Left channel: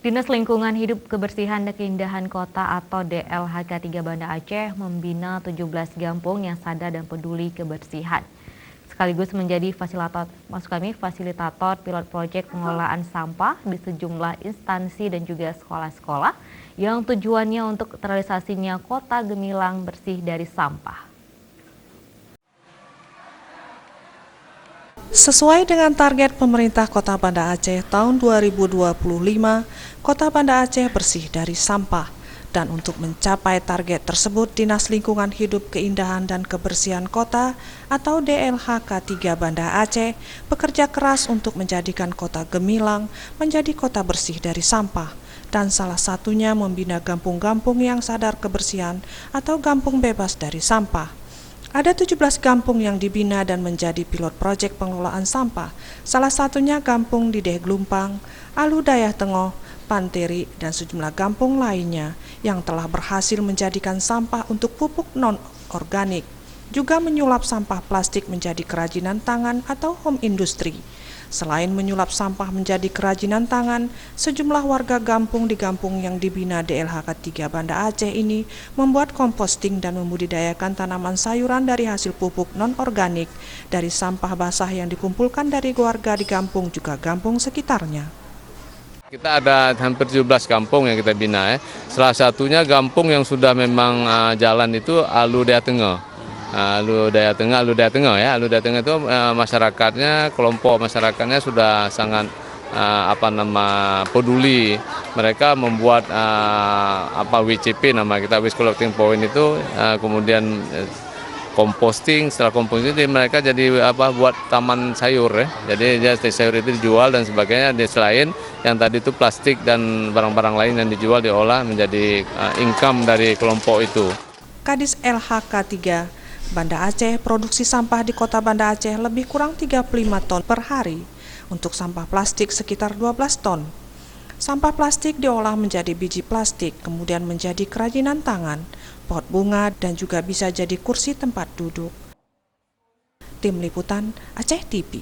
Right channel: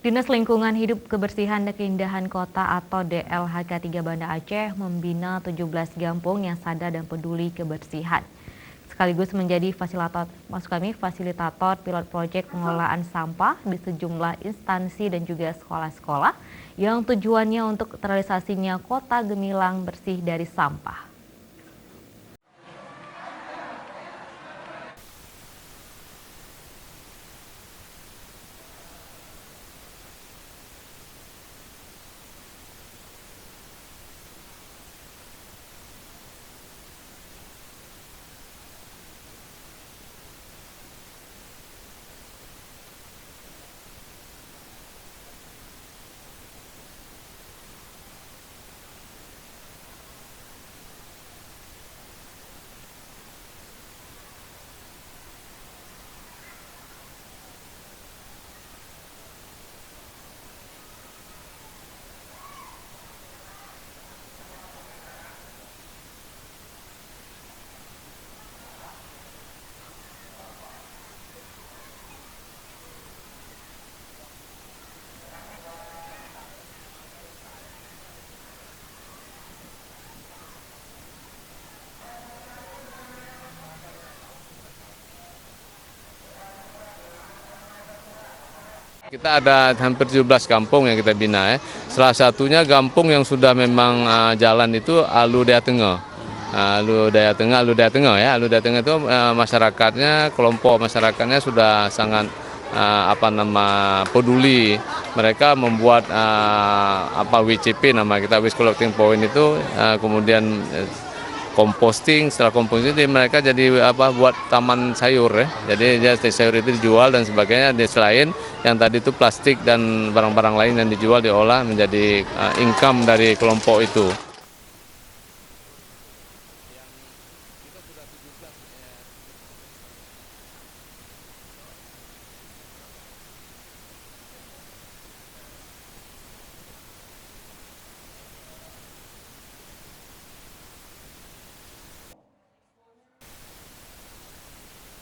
Dinas Lingkungan Hidup Kebersihan dan Keindahan Kota atau DLHK 3 Banda Aceh membina 17 kampung yang sadar dan peduli kebersihan. Sekaligus menjadi fasilitator pilot proyek pengelolaan sampah di sejumlah instansi dan juga sekolah-sekolah yang tujuannya untuk terrealisasinya kota gemilang bersih dari sampah. Sesuai dengan target pemerintah Kota Banda Aceh tahun 2025, Kota Banda Aceh bersih dari sampah. Dan untuk mencapai target tersebut, Dinas Lingkungan Hidup Keindahan dan Kebersihan Kota atau DLHK 3 Banda Aceh bekerja keras untuk menjadikan Kota Gemilang menjadi kota bersih dari sampah. Dan salah satunya membina kampung-kampung yang sadar kebersihan atau kampung bebas dari sampah. Ada 17 kampung yang dibina dan menjadi pilot proyek pengelolaan sampah, salah satunya kampung di Deh Glumpang, Alu Dayah Tengoh, Panteri, dan sejumlah kampung lainnya yang telah berhasil menjadikan sampah untuk pupuk non-organik, juga menyulap sampah plastik menjadi kerajinan tangan atau home industry. Selain menyulap sampah menjadi kerajinan tangan, sejumlah warga kampung di kampung yang dibina DLHK 3 Banda Aceh ini membuat komposting dan membudidayakan tanaman sayuran dari hasil pupuk non-organik dari sampah basah yang dikumpulkan dari warga di kampung juga kampung sekitarnya. Kita ada hampir 17 kampung yang kita bina. Salah satunya kampung yang sudah memang jalan itu Alu Dayah Tengoh. Alu Dayah Tengoh ya. Alu Dayah Tengoh itu masyarakatnya, kelompok masyarakatnya sudah sangat peduli. Mereka membuat WCP, nama kita Waste Collecting Point itu, kemudian composting. Setelah composting mereka jadi buat taman sayur ya. Jadi sayur itu dijual dan sebagainya. Selain yang tadi itu plastik dan barang-barang lain yang dijual diolah menjadi income dari kelompok itu. Kadis LHK 3 Banda Aceh, produksi sampah di Kota Banda Aceh lebih kurang 35 ton per hari. Untuk sampah plastik sekitar 12 ton. Sampah plastik diolah menjadi biji plastik, kemudian menjadi kerajinan tangan, pot bunga, dan juga bisa jadi kursi tempat duduk. Tim Liputan Aceh TV.